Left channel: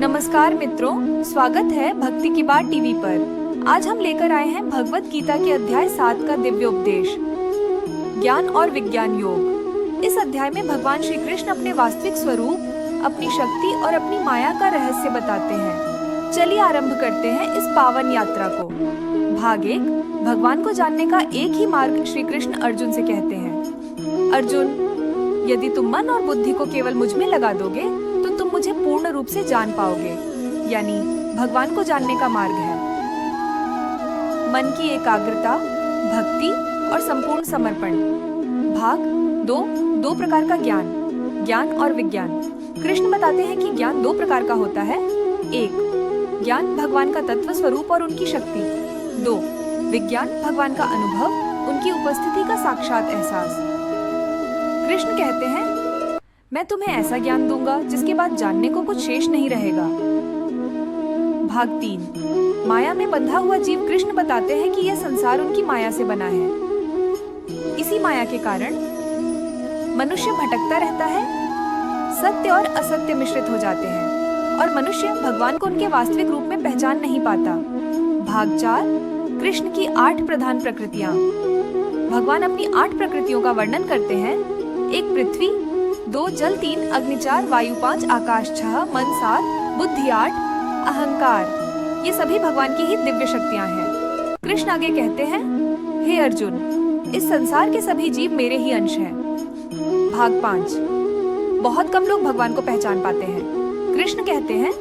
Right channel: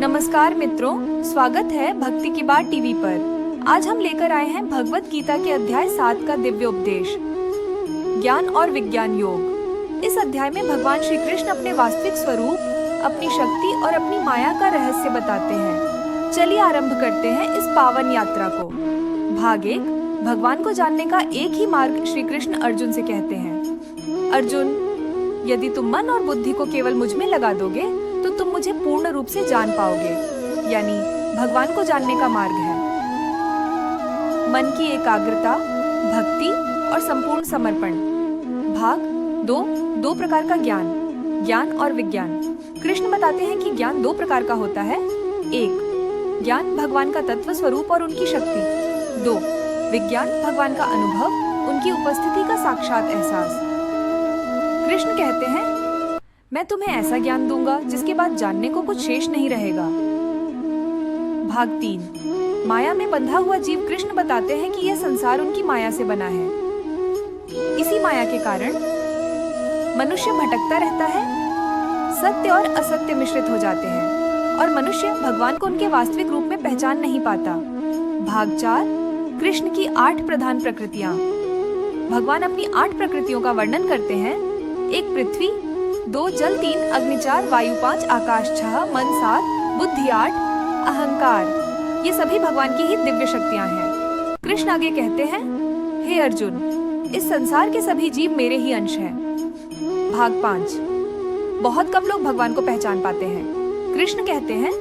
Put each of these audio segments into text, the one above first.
नमस्कार मित्रों, स्वागत है भक्ति की बात टीवी पर। आज हम लेकर आए हैं भगवत गीता के अध्याय 7 का दिव्य उपदेश, ज्ञान और विज्ञान योग। इस अध्याय में भगवान श्री कृष्ण अपने वास्तविक स्वरूप, अपनी शक्ति और अपनी माया का रहस्य बताते हैं। चलिए आरंभ करते हैं इस पावन यात्रा को। भाग 1, भगवान को जानने का एक ही मार्ग। श्री कृष्ण अर्जुन से कहते हैं, अर्जुन, यदि तुम मन और बुद्धि को केवल मुझ में लगा दोगे तो तुम मुझे पूर्ण रूप से जान पाओगे। यानी भगवान को जानने का मार्ग है मन की एकाग्रता, भक्ति और संपूर्ण समर्पण। भाग 2, 2 प्रकार का ज्ञान, ज्ञान और विज्ञान। कृष्ण बताते हैं कि ज्ञान 2 प्रकार का होता है। 1, ज्ञान भगवान का तत्व स्वरूप और उनकी शक्ति। 2, विज्ञान भगवान का अनुभव, उनकी उपस्थिति का साक्षात एहसास। कृष्ण कहते हैं, मैं तुम्हें ऐसा ज्ञान दूंगा जिसके बाद जानने को कुछ शेष नहीं रहेगा। भाग 3, माया में बंधा हुआ जीव। कृष्ण बताते हैं कि यह संसार उनकी माया से बना है। इसी माया के कारण मनुष्य भटकता रहता है, सत्य और असत्य मिश्रित हो जाते हैं और मनुष्य भगवान को उनके वास्तविक रूप में पहचान नहीं पाता। भाग 4, कृष्ण की 8 प्रधान प्रकृतियां। भगवान अपनी 8 प्रकृतियों का वर्णन करते हैं। 1 पृथ्वी, 2 जल, 3 अग्नि, 4 वायु, 5 आकाश, 6 मन, 7 बुद्धि, 8 अहंकार। ये सभी भगवान की ही दिव्य शक्तियां हैं। कृष्ण आगे कहते हैं, हे अर्जुन, इस संसार के सभी जीव मेरे ही अंश हैं। भाग 5, बहुत कम लोग भगवान को पहचान पाते हैं। कृष्ण कहते हैं,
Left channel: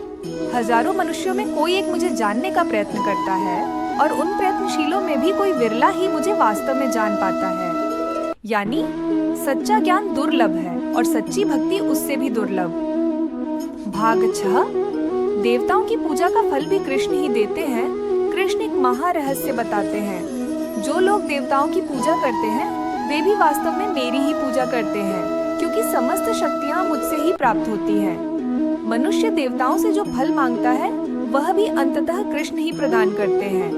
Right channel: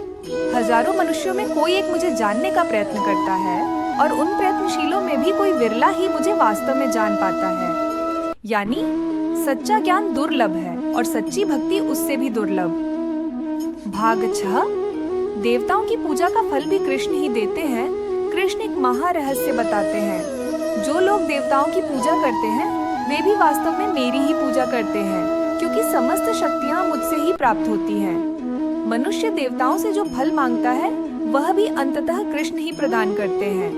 हजारों मनुष्यों में कोई एक मुझे जानने का प्रयत्न करता है और उन प्रयत्नशीलों में भी कोई विरला ही मुझे वास्तव में जान पाता है। यानी सच्चा ज्ञान दुर्लभ है और सच्ची भक्ति उससे भी दुर्लभ। भाग 6, देवताओं की पूजा का फल भी कृष्ण ही देते हैं। कृष्ण एक महारहस्य बताते हैं। जो लोग देवताओं की पूजा करते हैं वे भी वास्तव में मेरी ही पूजा करते हैं, क्योंकि समस्त शक्तियां मुझसे ही प्राप्त होती हैं। मनुष्य देवताओं से जो फल मांगता है वह भी अंततः कृष्ण ही प्रदान करते हैं,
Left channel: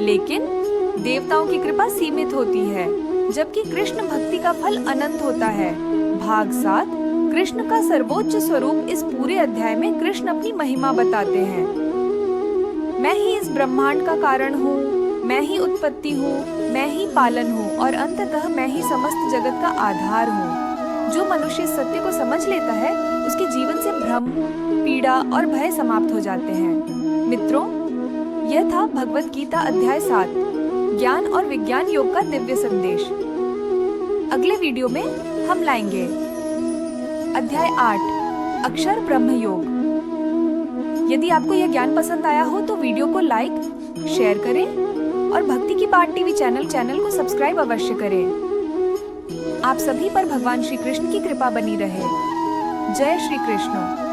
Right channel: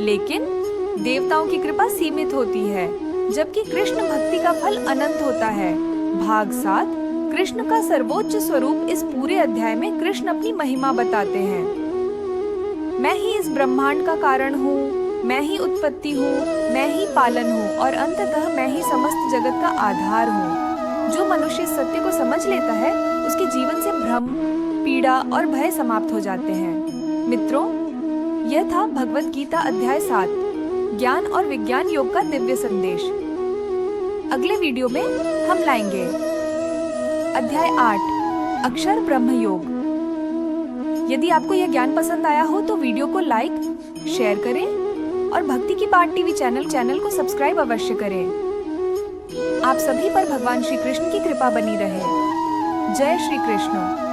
लेकिन देवताओं की कृपा सीमित होती है, जबकि कृष्ण भक्ति का फल अनंत होता है। भाग 7, कृष्ण का सर्वोच्च स्वरूप। इस पूरे अध्याय में कृष्ण अपनी महिमा बताते हैं। मैं ही इस ब्रह्मांड का कारण हूँ, मैं ही उत्पत्ति हूँ, मैं ही पालन हूँ और अंततः मैं ही समस्त जगत का आधार हूँ। जो मनुष्य सत्य को समझ लेता है उसके जीवन से भ्रम, पीड़ा और भय समाप्त हो जाते हैं। मित्रों, यह था भगवत गीता अध्याय 7, ज्ञान और विज्ञान योग का दिव्य संदेश। अगले वीडियो में हम लाएंगे अध्याय 8, अक्षर ब्रह्म योग। यदि आपको यह ज्ञान पसंद आया हो तो वीडियो को लाइक, शेयर करें और भक्ति की बात टीवी चैनल को सब्सक्राइब अवश्य करें। आप सभी पर भगवान श्री कृष्ण की कृपा बनी रहे। जय श्री कृष्ण।